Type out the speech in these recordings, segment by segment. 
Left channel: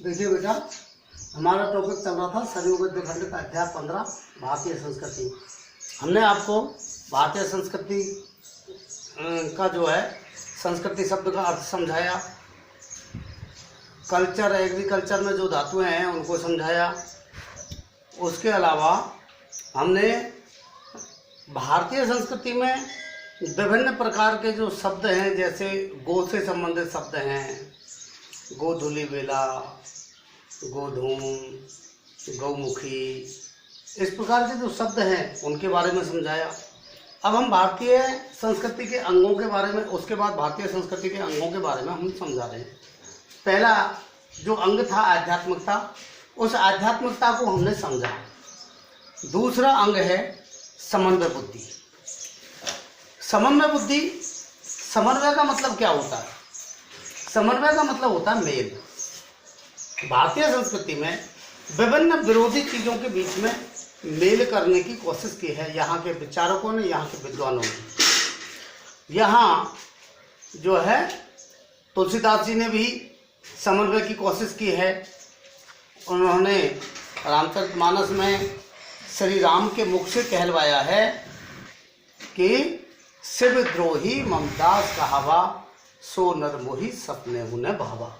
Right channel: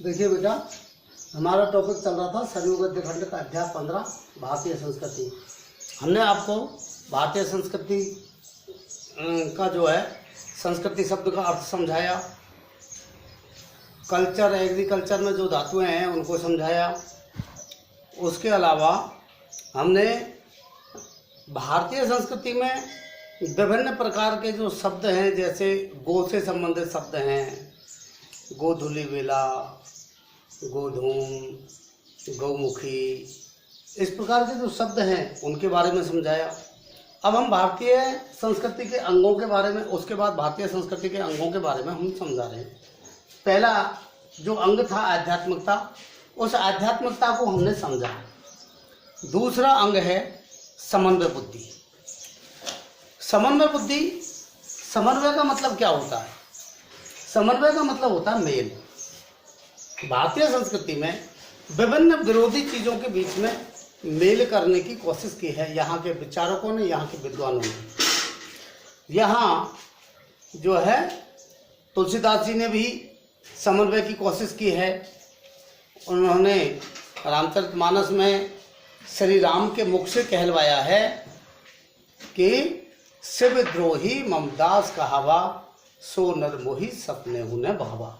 देखिए बेटा, हमारा टॉपिक चल रहा था सरयू गद्य खंड का अध्याय 15 भारतीय संस्कृति। हमने आपको भारतीय संस्कृति का जो है संस्कृति शब्द का अर्थ समझाया, कल्चर एग्रीकल्चर में जो धातुएं हैं उनको समझाया। उसके अलावा हमने भारतीय संस्कृति में विभिन्न प्रकार के जो शब्द हैं, जैसे गो से संबंधित शब्द हैं, गोधुली बेला, गोधूम, गौमुखी, इस प्रकार के जो शब्द हैं उनके बारे में समझाया। अब हम भारतीय संस्कृति के अंगों के बारे में, उसके बाद भारतीय संस्कृति के अंगों के बारे में हम समझा रहे हैं। पहला जो अंग था आध्यात्मिकता, उस आध्यात्मिकता को हमने समझा। दूसरा अंग है समन्वय बुद्धि। समन्वय बुद्धि, समन्वय का मतलब क्या होता है? समन्वय का मतलब होता है मेल। भारतीय संस्कृति में विभिन्न विरोधी चीज़ों के बीच में मेल करने की कोशिश की है यहाँ के विचारकों ने, यहाँ के विद्वानों ने। यहाँ जो है तुलसीदास जी ने भी समन्वय की कोशिश की है। उन्होंने रामचरितमानस में श्री राम के मुख से कहलवाया है कि शिव द्रोही ममदास कहावा, सो नर मोही सपने हुने भावा।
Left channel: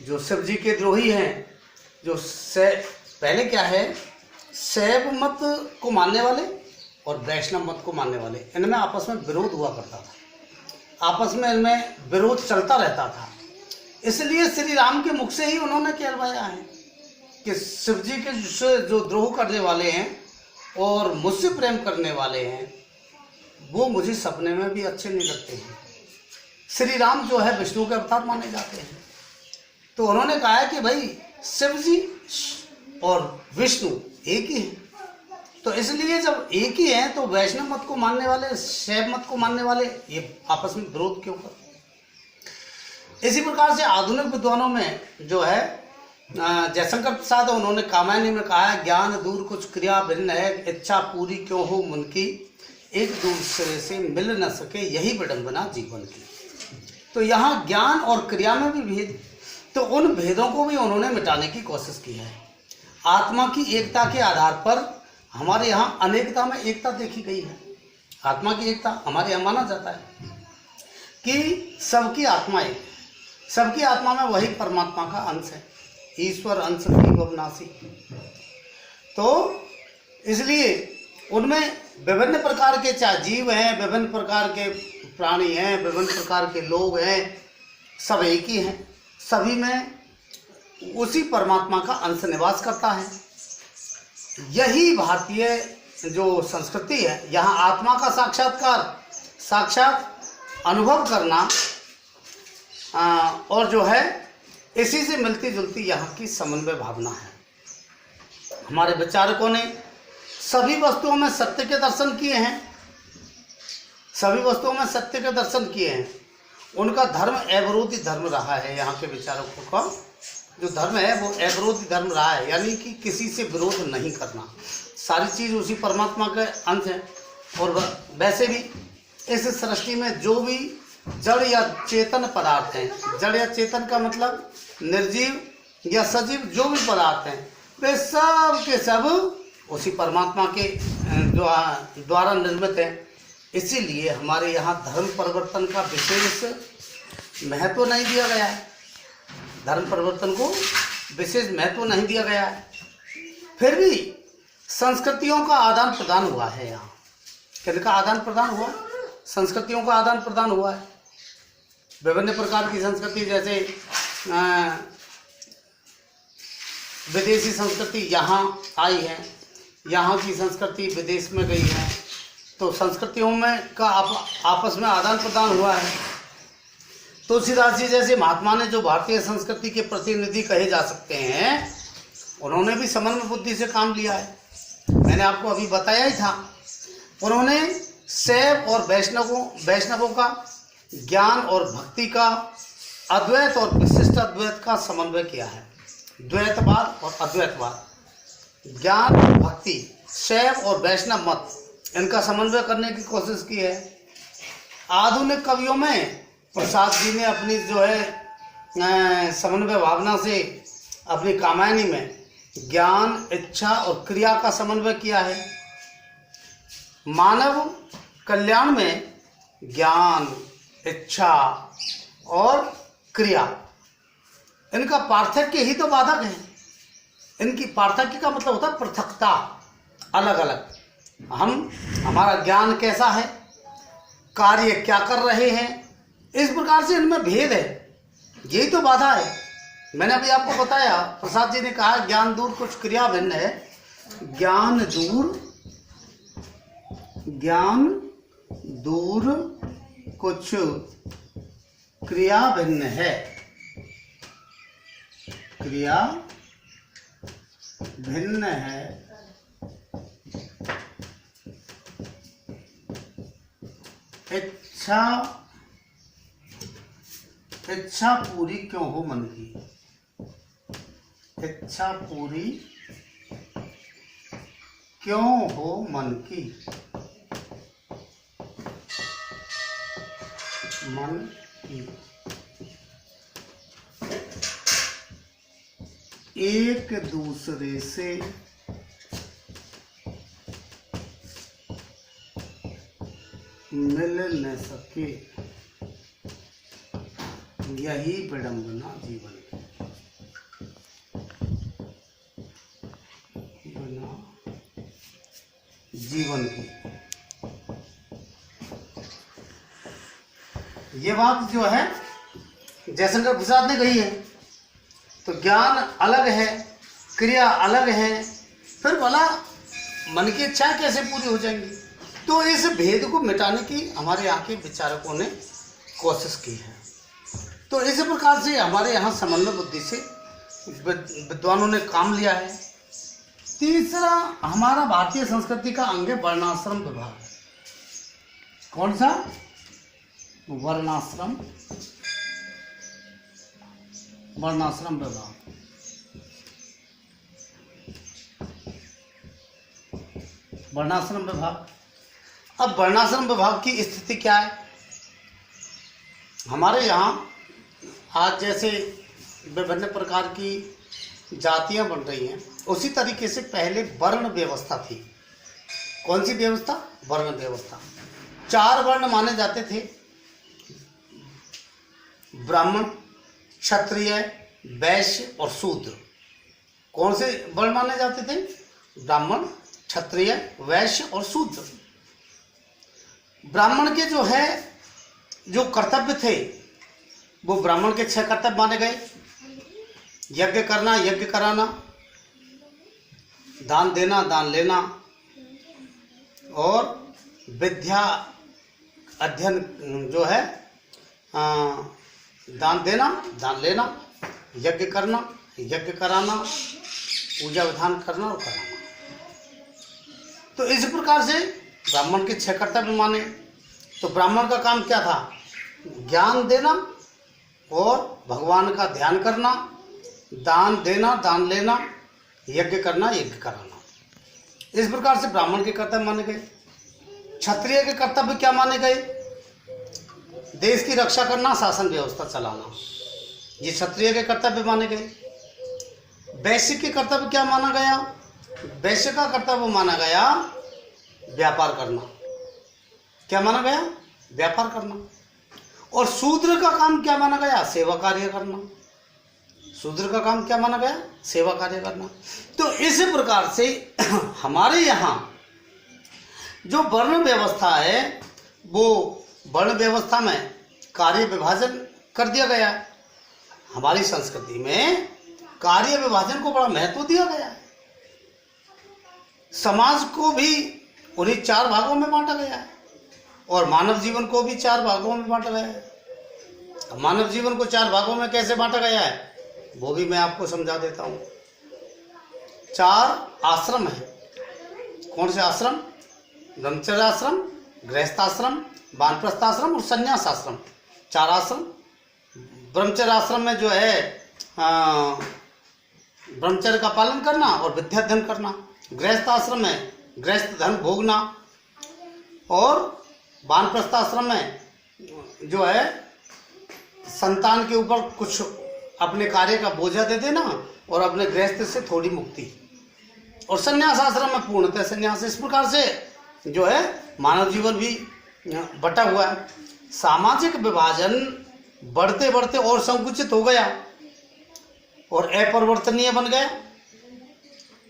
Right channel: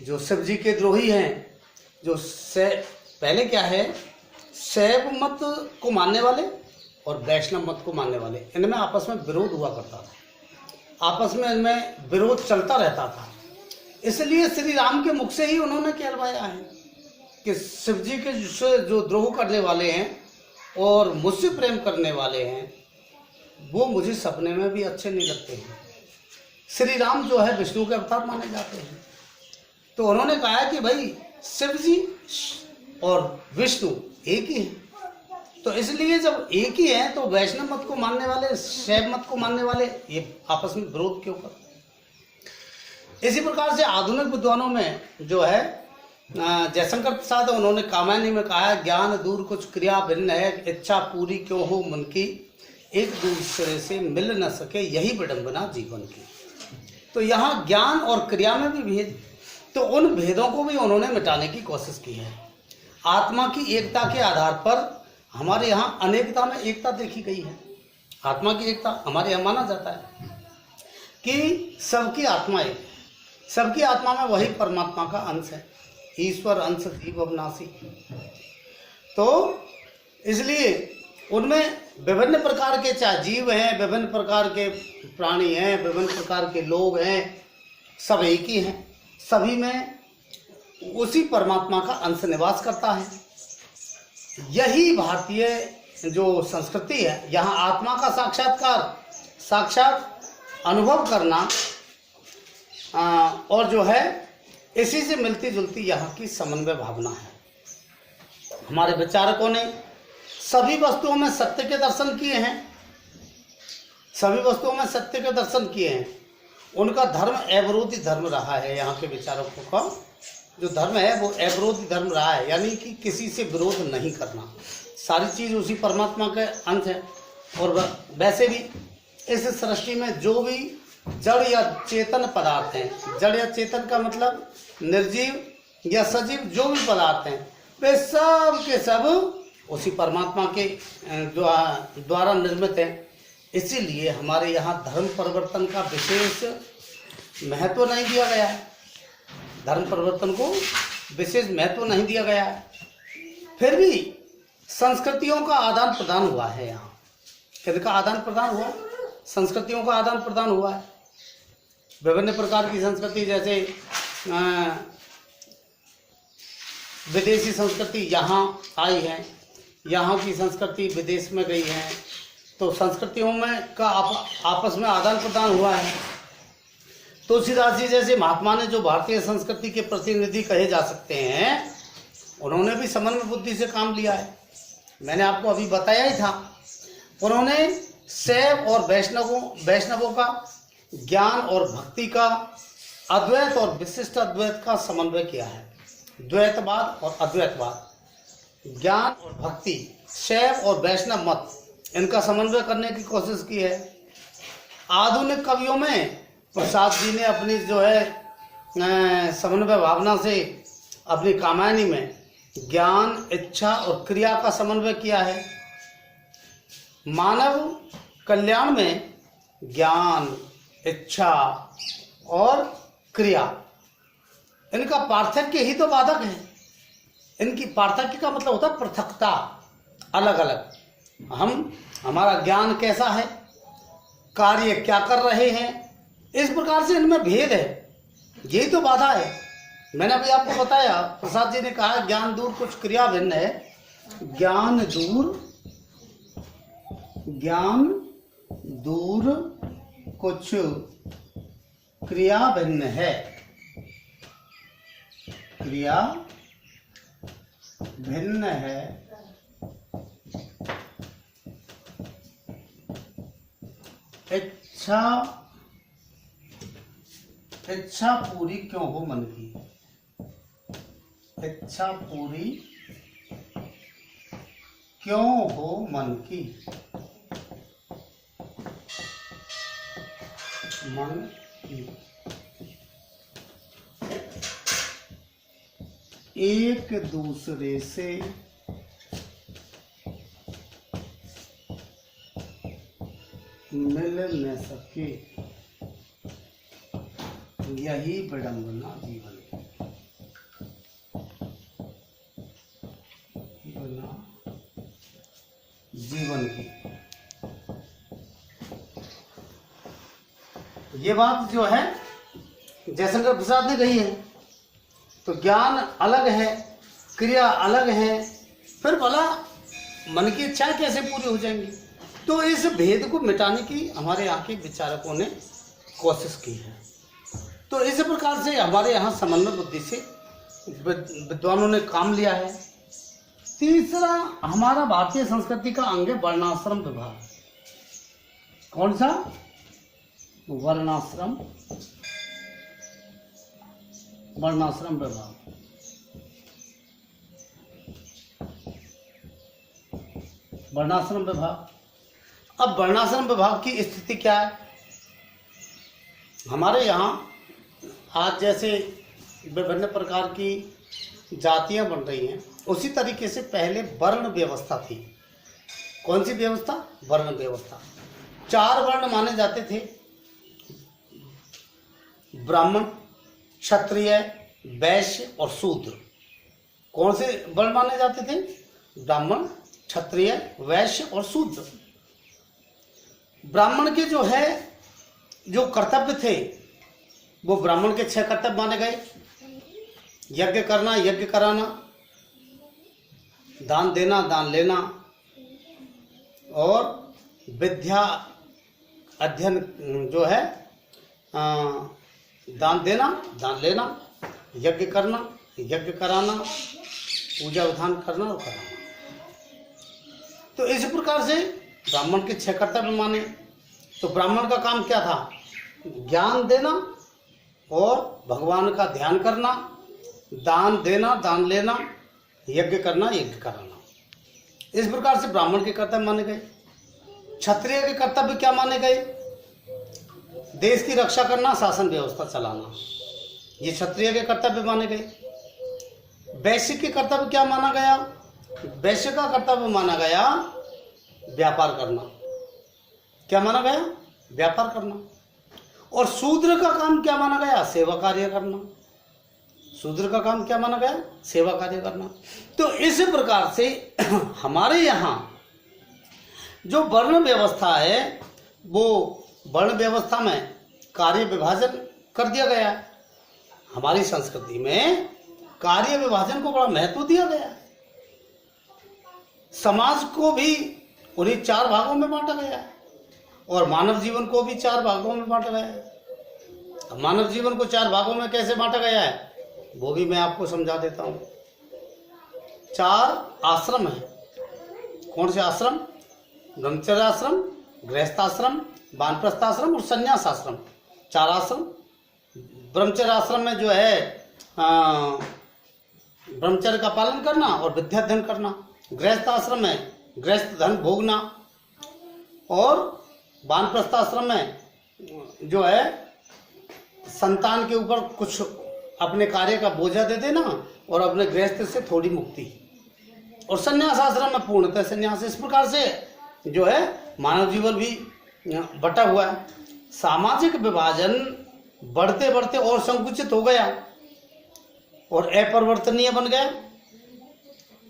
जो शिव जी के द्रोही हैं, जो पहले क्या है, शैव मत को मानने वाले और वैष्णव मत को मानने वाले, इनमें आपस में विरोध हुआ करता था, आपस में इनमें विरोध चलता रहता था। इसलिए श्री राम के मुख से ही उन्होंने कहलवाया है कि शिव जी के जो द्रोह करने वाले हैं और मुझसे प्रेम करने वाले हैं, वो मुझे सपने में भी अच्छे नहीं लगते हैं। श्री राम जो है विष्णु के अवतार माने जाते हैं। तो उन्होंने कहा है कि भाई शिव जी और विष्णु एक ही हैं। तो इसलिए जब एक ही हैं तो वैष्णव मत को मानने वाले, शैव मत को मानने वाले, ये आपस में विरोध क्यों करते हैं? इसी प्रकार से आधुनिक विद्वानों में जो है जयशंकर प्रसाद, उन्होंने कामायनी में कहा है, ज्ञान दूर कुछ क्रिया भिन्न है, इच्छा पूरी क्यों हो मन की, एक दूसरे से मिल न सके यही विडंबना जीवन की। तो यहाँ ज्ञान और क्रिया में भी भेद, तो उन भेदों को भी उन्होंने मिटाने की कोशिश की है। आत्मा की एकता के आधार पर हमारे यहाँ अनेकता में एकता देखी गई है। आत्मा की एकता हमारे यहाँ माना जाता है कि सबकी आत्मा एक, सबकी आत्मा में वही परमात्मा का अंश है, ईश्वर अंश की अविनाशी। तो इसलिए उनमें विभिन्न प्रकार के चाहे जीव हैं, विभिन्न प्रकार के प्राणी हैं, विभिन्न प्रकार के लोग हैं, सब एक ही हैं। सभी में उसी परमात्मा का अंश निवास करता है। यही भारतीय जो संस्कृति है, यहाँ आत्मा का साक्षात्कार, साक्षात अनुभव करना, और जो है इसी से मिलती जुलती यहाँ की समन्वय भावना है। हमारे विचारकों ने सभी वस्तुओं में सत्य के दर्शन किए हैं, सभी वस्तुओं में सत्य के दर्शन किए हैं। उनका धर्म अविरोधी धर्म रहा है। यहाँ के विचारकों का जो धर्म है वो अविरोधी धर्म रहा है, यानी कि किसी से विरोध नहीं करना। सारी चीज़ उसी परमात्मा के अंश है। और वैसे भी इस सृष्टि में जो भी जड़ या चेतन पदार्थ हैं, जड़ या चेतन का मतलब निर्जीव या सजीव जो भी पदार्थ हैं, वे सब के सब उसी परमात्मा के द्वारा निर्मित हैं। इसीलिए हमारे यहाँ धर्म परिवर्तन का विशेष महत्व नहीं दिया गया है। धर्म परिवर्तन को विशेष महत्व नहीं दिया गया है। फिर भी संस्कृतियों का आदान प्रदान हुआ है। यहाँ किनका आदान प्रदान हुआ? संस्कृतियों का आदान प्रदान हुआ है। विभिन्न प्रकार की संस्कृति, जैसे विदेशी संस्कृति यहाँ आई है, यहाँ की संस्कृति विदेश में गई है, तो संस्कृतियों में का आपस में आदान प्रदान हुआ है। तुलसीदास जी जैसे महात्मा ने, जो भारतीय संस्कृति के प्रतिनिधि कहे जा सकते हैं, उन्होंने भी समन्वय बुद्धि से काम लिया है। मैंने आपको अभी बताया ही था। उन्होंने शैव और वैष्णवों का, ज्ञान और भक्ति का, अद्वैत और विशिष्ट अद्वैत का समन्वय किया है। द्वैतवाद और अद्वैतवाद, ज्ञान और भक्ति, शैव और वैष्णव मत, इनका समन्वय करने की कोशिश की है। आधुनिक कवियों में प्रसाद जी ने अपनी जो है समन्वय भावना से अपनी कामायनी में ज्ञान, इच्छा और क्रिया का समन्वय किया है। मानव कल्याण में ज्ञान, इच्छा और क्रिया, इनका पार्थक्य ही तो बाधक है। इनकी पार्थक्य का मतलब होता है पृथकता, अलग अलग। हमारा ज्ञान कैसा है, कार्य क्या कर रहे हैं, इस प्रकार से इनमें भेद है, यही तो बाधा है। मैंने अभी आपको बताया, प्रसाद जी ने कहा ज्ञान दूर कुछ क्रिया भिन्न है। ज्ञान दूर कुछ क्रिया भिन्न है। क्रिया भिन्न है। इच्छा पूरी क्यों हो मन की, इच्छा पूरी क्यों हो मन की, मन की एक दूसरे से मिल न सके, यही विडंबना जीवन की, जीवन की। ये बात जो है जयशंकर प्रसाद ने कही है। तो ज्ञान अलग है, क्रिया अलग है, फिर भला मन की इच्छा कैसे पूरी हो जाएंगी? तो इस भेद को मिटाने की हमारे यहाँ के विचारकों ने कोशिश की है। तो इस प्रकार से हमारे यहाँ समन्वय बुद्धि से विद्वानों ने काम लिया है। तीसरा हमारा भारतीय संस्कृति का अंग है वर्णाश्रम विभाग। कौन सा? वर्णाश्रम विभाग। वर्णाश्रम विभाग। अब वर्णाश्रम विभाग की स्थिति क्या है? हमारे यहाँ आज जैसे विभिन्न प्रकार की जातियां बन रही हैं, उसी तरीके से पहले वर्ण व्यवस्था थी। कौन सी व्यवस्था? वर्ण व्यवस्था। 4 वर्ण माने जाते थे, ब्राह्मण, क्षत्रिय, वैश्य और शूद्र। कौन से वर्ण माने जाते थे? ब्राह्मण, क्षत्रिय, वैश्य और शूद्र। ब्राह्मण के जो कर्तव्य थे वो ब्राह्मण के 6 कर्तव्य माने गए। यज्ञ करना, यज्ञ कराना, दान देना, दान लेना और विद्या अध्ययन जो है दान देना, दान लेना, यज्ञ करना, यज्ञ कराना, पूजा विधान करना और कराना। तो इस प्रकार से ब्राह्मण के 6 कर्तव्य माने। तो ब्राह्मण का काम क्या था? ज्ञान देना और भगवान का ध्यान करना, दान देना, दान लेना, यज्ञ करना, यज्ञ कराना। इस प्रकार से ब्राह्मण के कर्तव्य माने गए। क्षत्रिय के कर्तव्य क्या माने गए? देश की रक्षा करना, शासन व्यवस्था चलाना, ये क्षत्रिय के कर्तव्य माने गए। वैश्य के कर्तव्य क्या माना गया? वैश्य का कर्तव्य माना गया व्यापार करना। क्या माना गया? व्यापार करना। और शूद्र का काम क्या माना गया? सेवा कार्य करना। शूद्र का काम क्या माना गया? सेवा कार्य करना। तो इस प्रकार से हमारे यहाँ जो वर्ण व्यवस्था है, वो वर्ण व्यवस्था में कार्य विभाजन कर दिया गया है। हमारी संस्कृति में कार्य विभाजन को बड़ा महत्व दिया गया है। समाज को भी उन्हीं 4 भागों में बांटा गया है और मानव जीवन को भी 4 भागों में बांटा गया है। मानव जीवन को 4 भागों में कैसे बांटा गया है वो भी मैं आपको समझा देता हूँ। 4 आश्रम है। कौन से आश्रम? ब्रह्मचर्य आश्रम, गृहस्थाश्रम, वानप्रस्थाश्रम और संन्यास आश्रम। 4 आश्रम। ब्रह्मचर्य आश्रम में जो है ब्रह्मचर्य का पालन करना और विद्याध्ययन करना। गृहस्थ आश्रम में गृहस्थ धन भोगना और वानप्रस्थाश्रम में जो है संतान के ऊपर कुछ अपने कार्य का बोझा दे देना और अपने गृहस्थ से थोड़ी मुक्ति। और संन्यास आश्रम में पूर्णतः संन्यास। इस प्रकार से जो है मानव जीवन भी बटा हुआ है। सामाजिक विभाजन बढ़ते बढ़ते और संकुचित हो गया और अपरिवर्तनीय बन गए।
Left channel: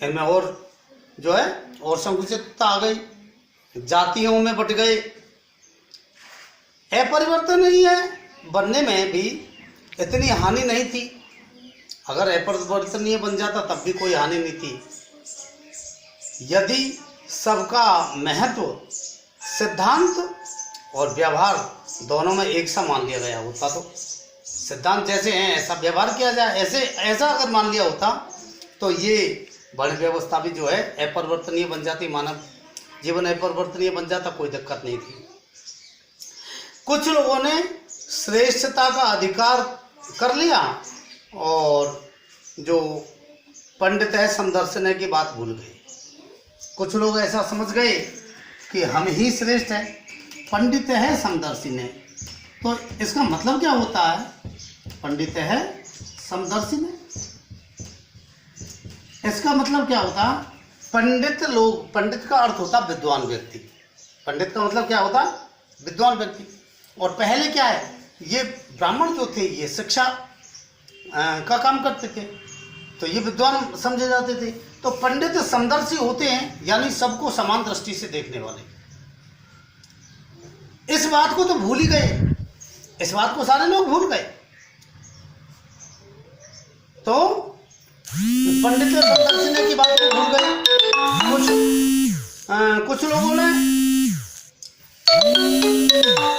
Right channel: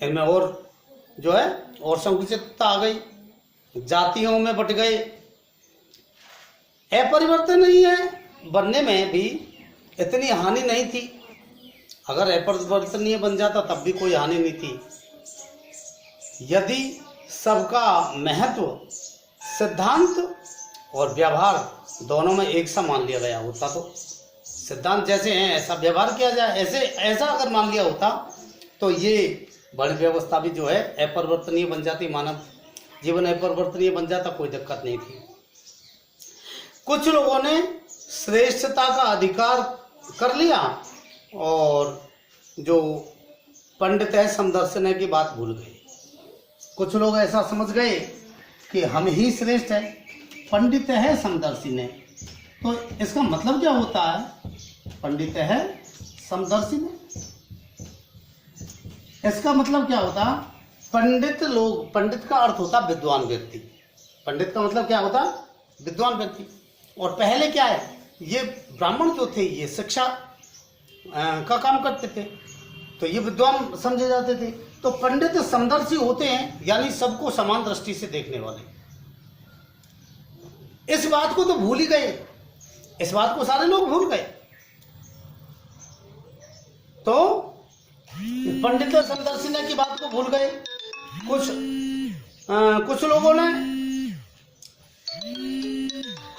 इनमें और जो है और संकुचितता आ गई, जातियों में बट गए। अपरिवर्तनीय बनने में भी इतनी हानि नहीं थी। अगर अपरिवर्तनीय बन जाता तब भी कोई हानि नहीं थी। यदि सबका महत्व सिद्धांत और व्यवहार दोनों में एक सा मान लिया गया होता, तो सिद्धांत जैसे हैं ऐसा व्यवहार किया जाए, ऐसा अगर मान लिया होता तो ये वर्ण व्यवस्था भी जो है अपरिवर्तनीय बन जाती, मानव जीवन अपरिवर्तनीय बन जाता, कोई दिक्कत नहीं थी। कुछ लोगों ने श्रेष्ठता का अधिकार कर लिया और जो पंडित है समदर्शन की बात भूल गए। कुछ लोग ऐसा समझ गए कि हम ही श्रेष्ठ हैं, पंडित है समदर्शी ने। तो इसका मतलब क्या होता है? पंडित है समदर्शी ने, इसका मतलब क्या होता? पंडित लोग, पंडित का अर्थ होता विद्वान व्यक्ति। पंडित का मतलब क्या होता? विद्वान व्यक्ति। और पहले क्या है, ये ब्राह्मण जो थे ये शिक्षा का काम करते थे, तो ये विद्वान समझे जाते थे। तो पंडित समदर्शी होते हैं, यानी सबको समान दृष्टि से देखने वाले। इस बात को तो भूल ही गए, इस बात को सारे लोग भूल गए। तो पंडित समदर्शी की बात को भूल गए। कुछ लोगों ने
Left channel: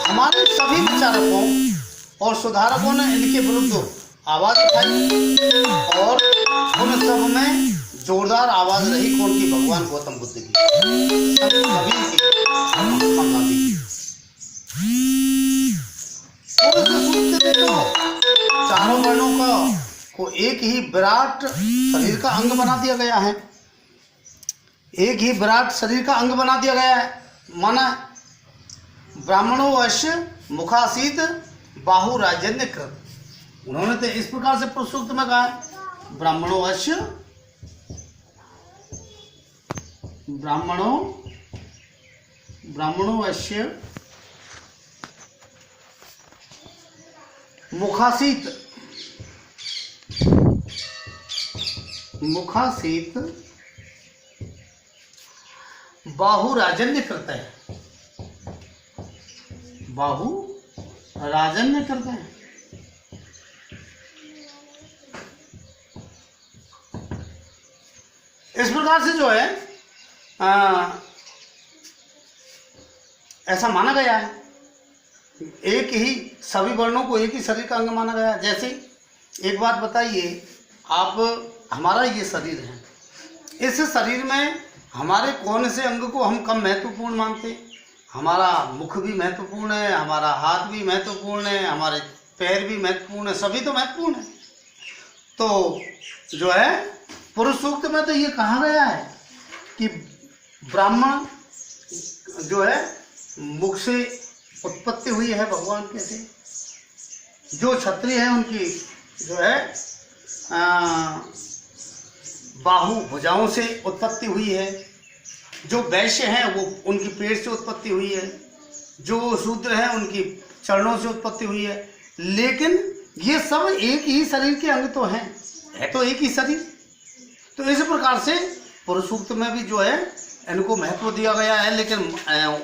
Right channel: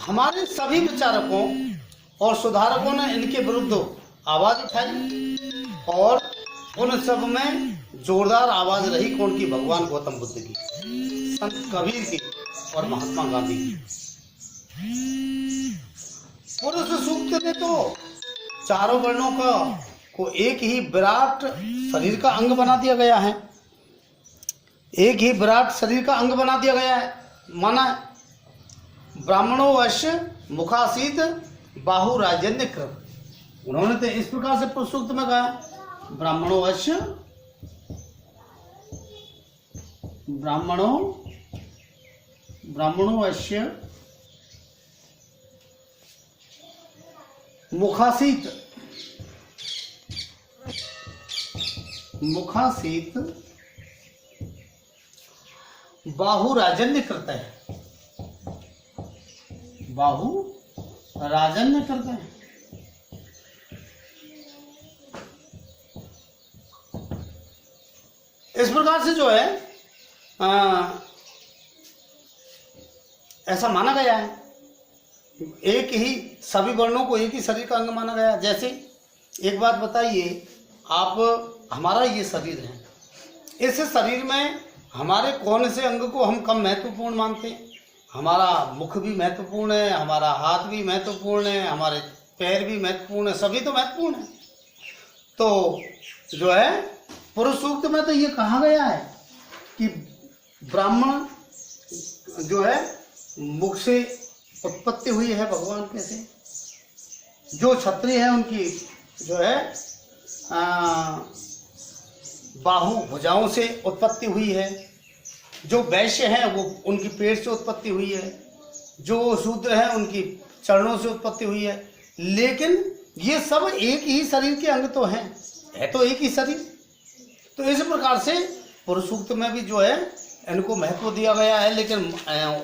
हमारे सभी विचारकों और सुधारकों ने इनके विरुद्ध आवाज उठाई और उन सब में जोरदार आवाज रही कौन की? भगवान गौतम बुद्ध की, संत कबीर की और महात्मा गांधी की। पुरुष सूक्त ने तो चारों वर्णों को एक ही विराट शरीर का अंग बना दिया गया है, एक ही विराट शरीर का अंग बना दिया गया है। माना ब्राह्मणों वश्य मुखासीत बाहु राजन्य कृत। उन्होंने तो इस प्रकार से पुरुष सूक्त में कहा है, ब्राह्मणों वश्य मुखासीत बाहु राजन्य करता है, बाहु राजन्य करता है। इस प्रकार से जो है ऐसा माना गया है, एक ही सभी वर्णों को एक ही शरीर का अंग माना गया है। जैसे एक बात बताइए आप, हमारा ये शरीर है, इस शरीर में हमारे कौन से अंग को हम कम महत्वपूर्ण मानते? हमारा मुख भी महत्वपूर्ण है, हमारा हाथ भी महत्वपूर्ण है, हमारे पैर भी महत्वपूर्ण है, सभी तो महत्वपूर्ण है। तो जो है पुरुष सूक्त में तो ये कहा गया है कि ब्राह्मण जो है मुख से उत्पत्ति हुई है, भगवान कहते हैं। जो क्षत्रिय है उनकी जो है बाहु भुजाओं से उत्पत्ति हुई है, जो वैश्य हैं वो उनकी पेट से उत्पत्ति हुई है, जो शूद्र हैं उनकी चरणों से उत्पत्ति हुई है। लेकिन ये सब एक ही शरीर के अंग तो हैं, है तो एक ही शरीर। तो इस प्रकार से पुरुष सूक्त में भी जो है इनको महत्व दिया गया है, लेकिन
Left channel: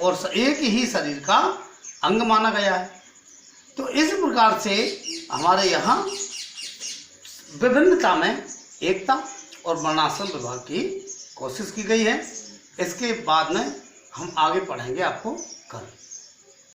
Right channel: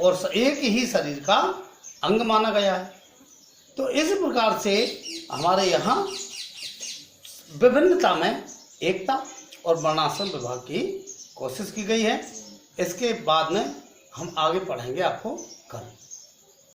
और एक ही शरीर का अंग माना गया है। तो इस प्रकार से हमारे यहाँ विभिन्नता में एकता और वर्णाश्रम विभाग की कोशिश की गई है। इसके बाद में हम आगे पढ़ेंगे आपको कल।